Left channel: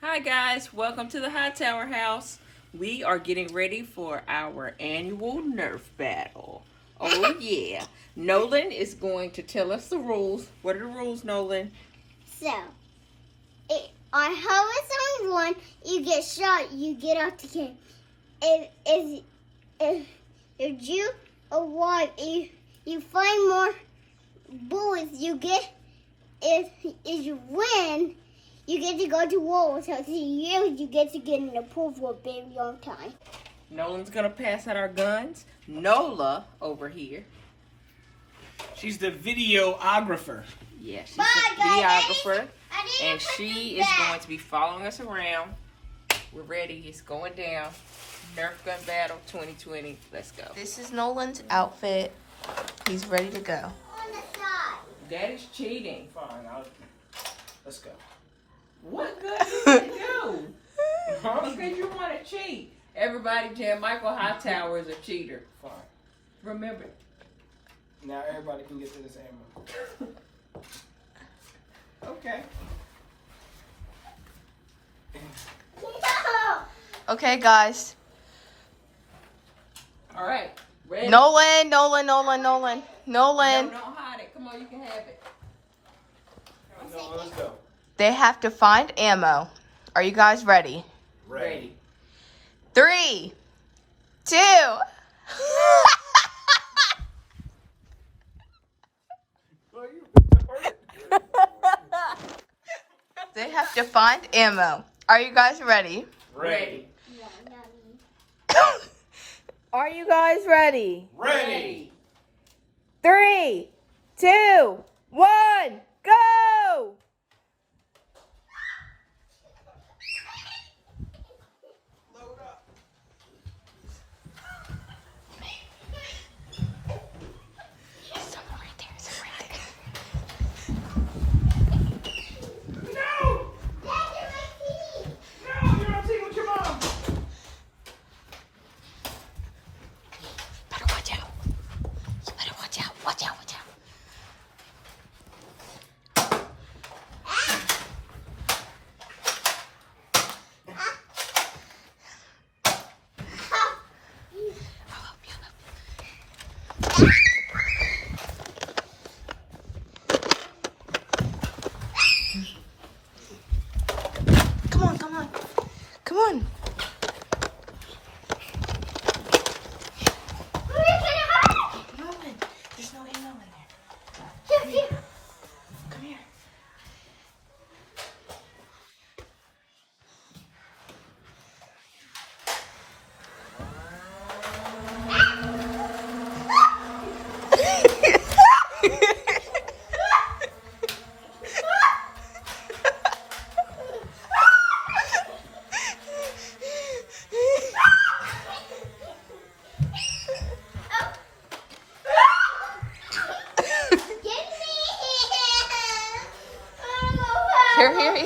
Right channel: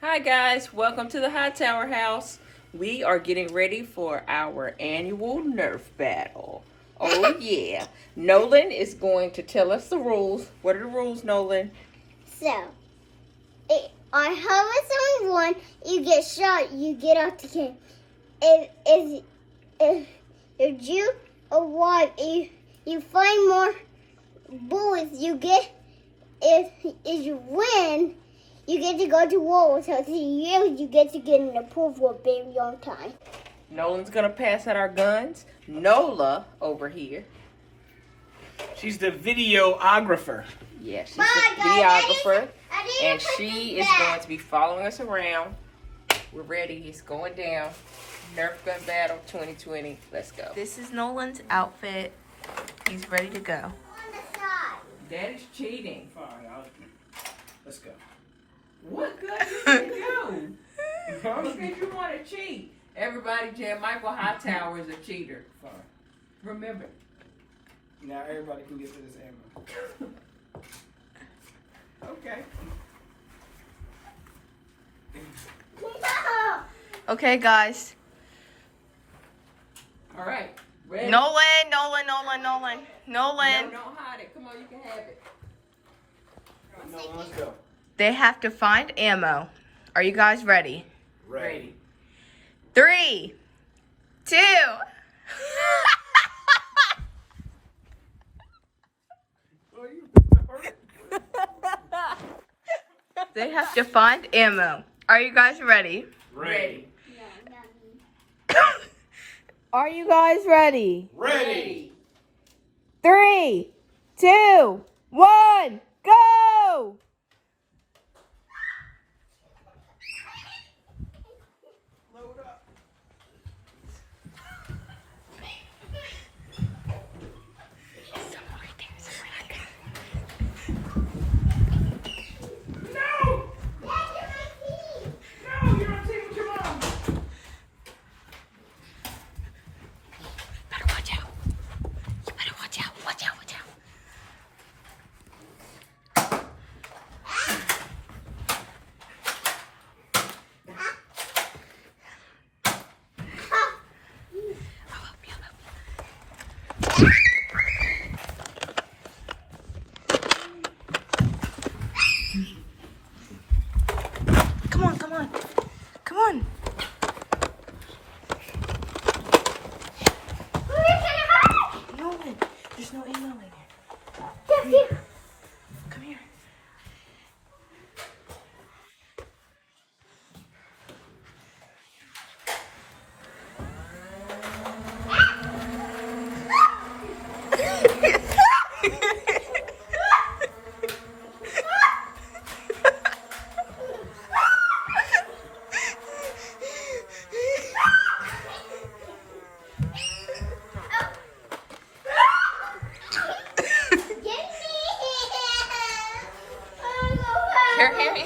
Hi guys, welcome to the High Tower House. We are getting ready for our annual Nerf battle. Oh yeah. Nolan is going to tell us the rules. What are the rules, Nolan? So, on harvest only one, you get shot, you get out the game. If you arrive, you find more bullets, you get, if you win, you get to go to war with us. You get to get in the pool for a very long time. Nolan's gonna pass out our guns. Nola over here. She's the videographer. Yeah, she's Bye, the guys. videographer. I didn't And put she this is back. going to be following us around. We're ready. It's going down. Nerf Gun Battle 2020. Let's go. This is Nolan's outfit. He's ready to go. On the side. That is cheating. Fine, let's go. What good did it do? Because you want to cheat. Everybody, Jan Michael Hightower is a cheater. Fine. Remember. Now everybody can get to this ammo. Okay. No. Okay, guys. All right. Ready? Nolan. No, don't hide it. Come on, you can have it. No, let's go. They have to find ammo. Are you guys ready? Ready. 3, 2. They have to find ammo. Are you guys ready? Ready. No, not me. Are you guys ready? Ready. 3, 2, 1, go! Load up. No! No, you're on team with your mom. Better watch out. You better watch out. Watch out. Come on. Nolan, there's no ammo in here. Come here.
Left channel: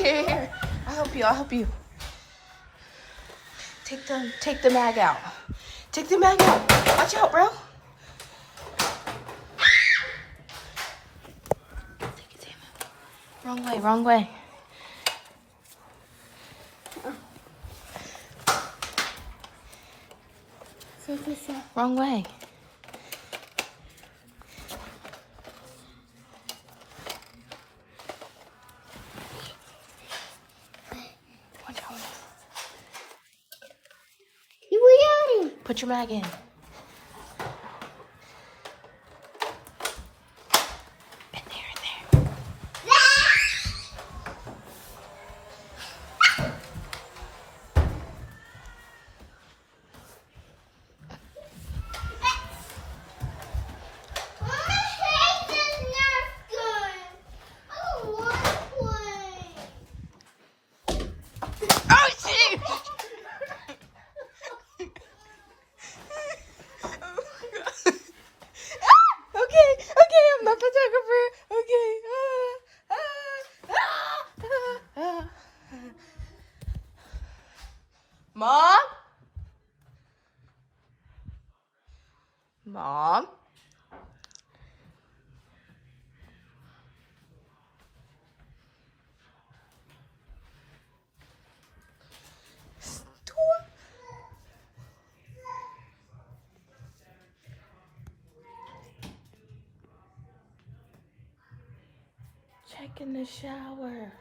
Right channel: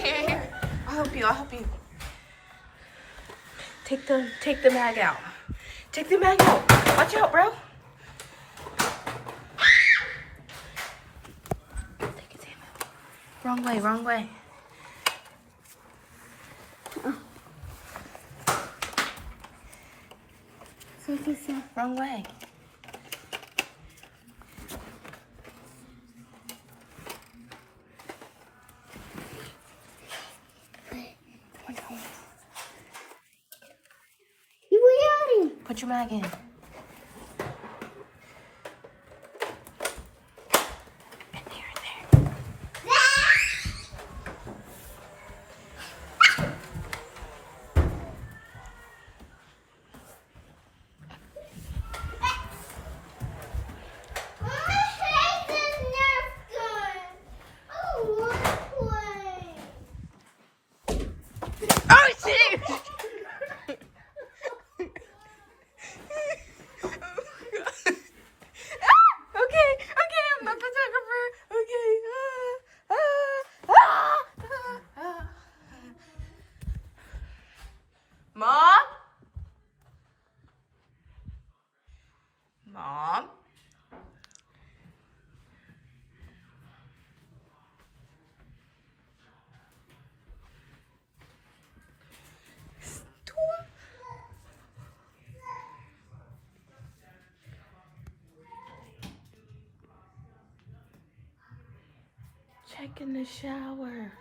Here. I'll help you. Take the mag out. Take the mag out. Watch out, bro. Take his ammo. Wrong way. Wrong way. Put your mag in. Oh, shit! Okay, I'm the photographer. Okay. Mom? Mom? taking the shower.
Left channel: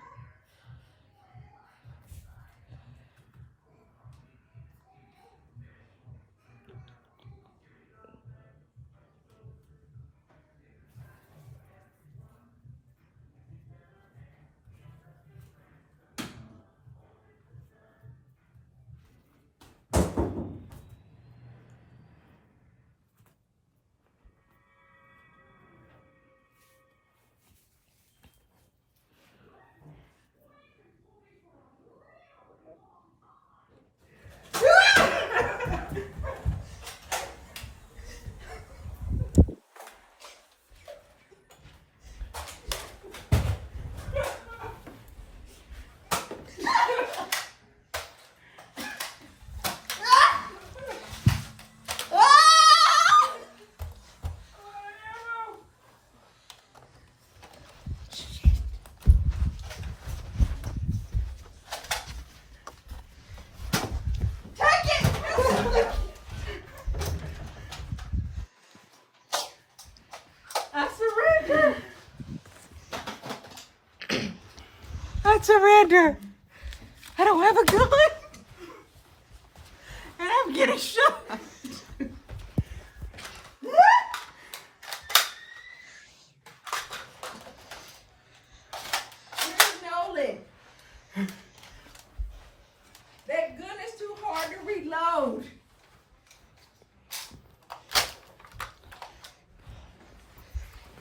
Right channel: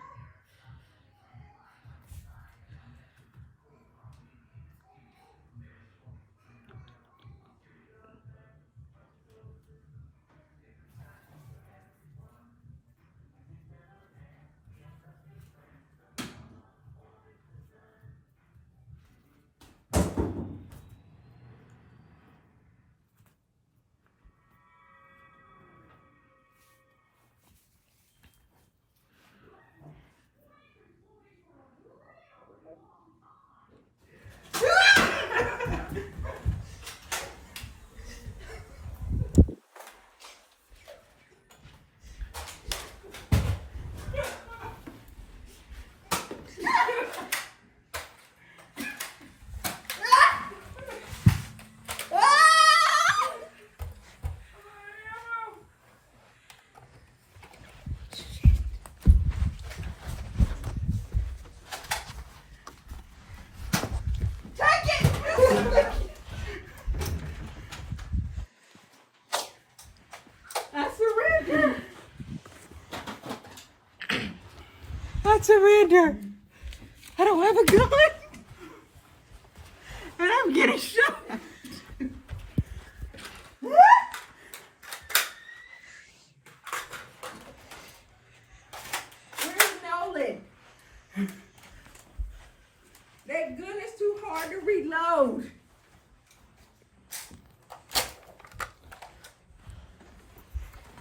I surrender. I don't have a gun. And I'm getting shot. Where's Nolan? That gun is too hard to reload.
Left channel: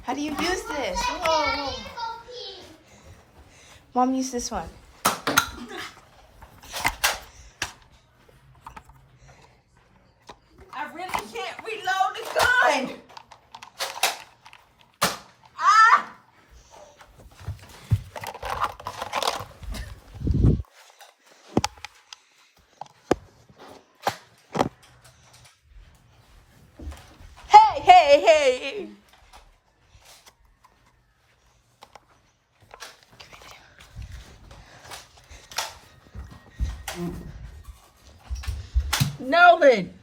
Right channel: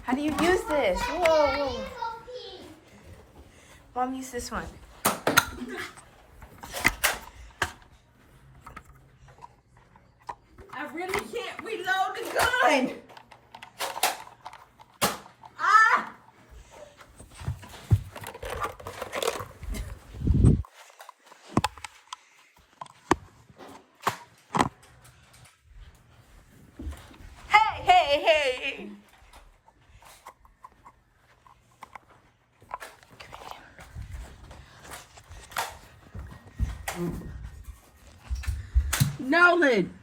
How do you use this? Whoa, whoa. Mom, use this one. I really can't reload the gun. Ah! Hey, hey, hey. Nolan.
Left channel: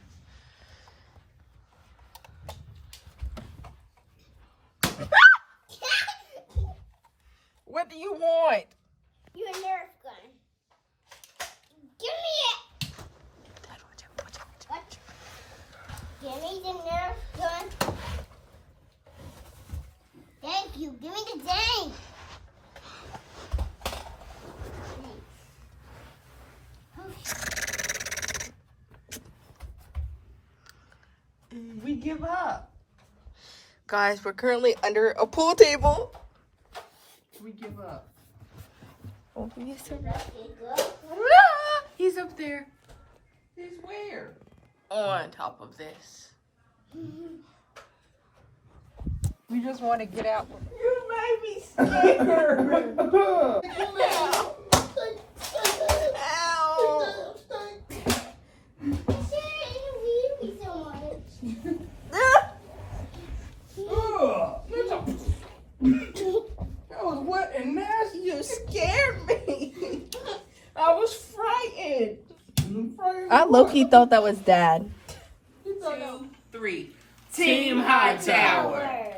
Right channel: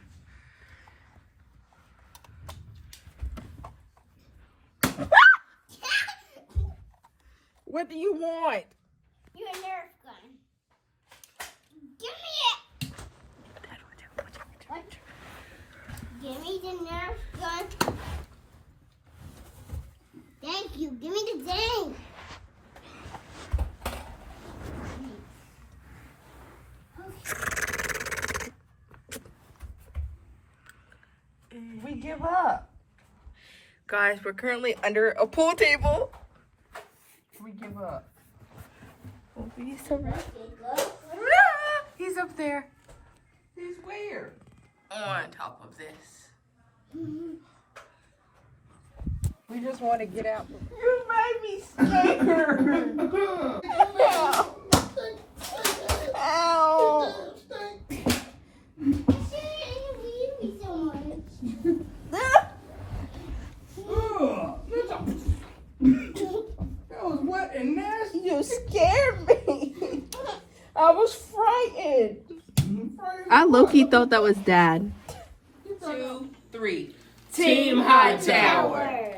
What do you want? Your Nerf gun. Give me it. Give me the Nerf gun. Thank you. Give me the thing. We give up. Guys, we're currently under a pool table. We give up. Oh, he's so ready. He's up there. He's where? On top of this. We just want to get out. You made me scared. Ow. Ow. That was wet and nasty. You scared me. I was frightened. I low-key thought that was Dad. 2, 3. Team High Tower.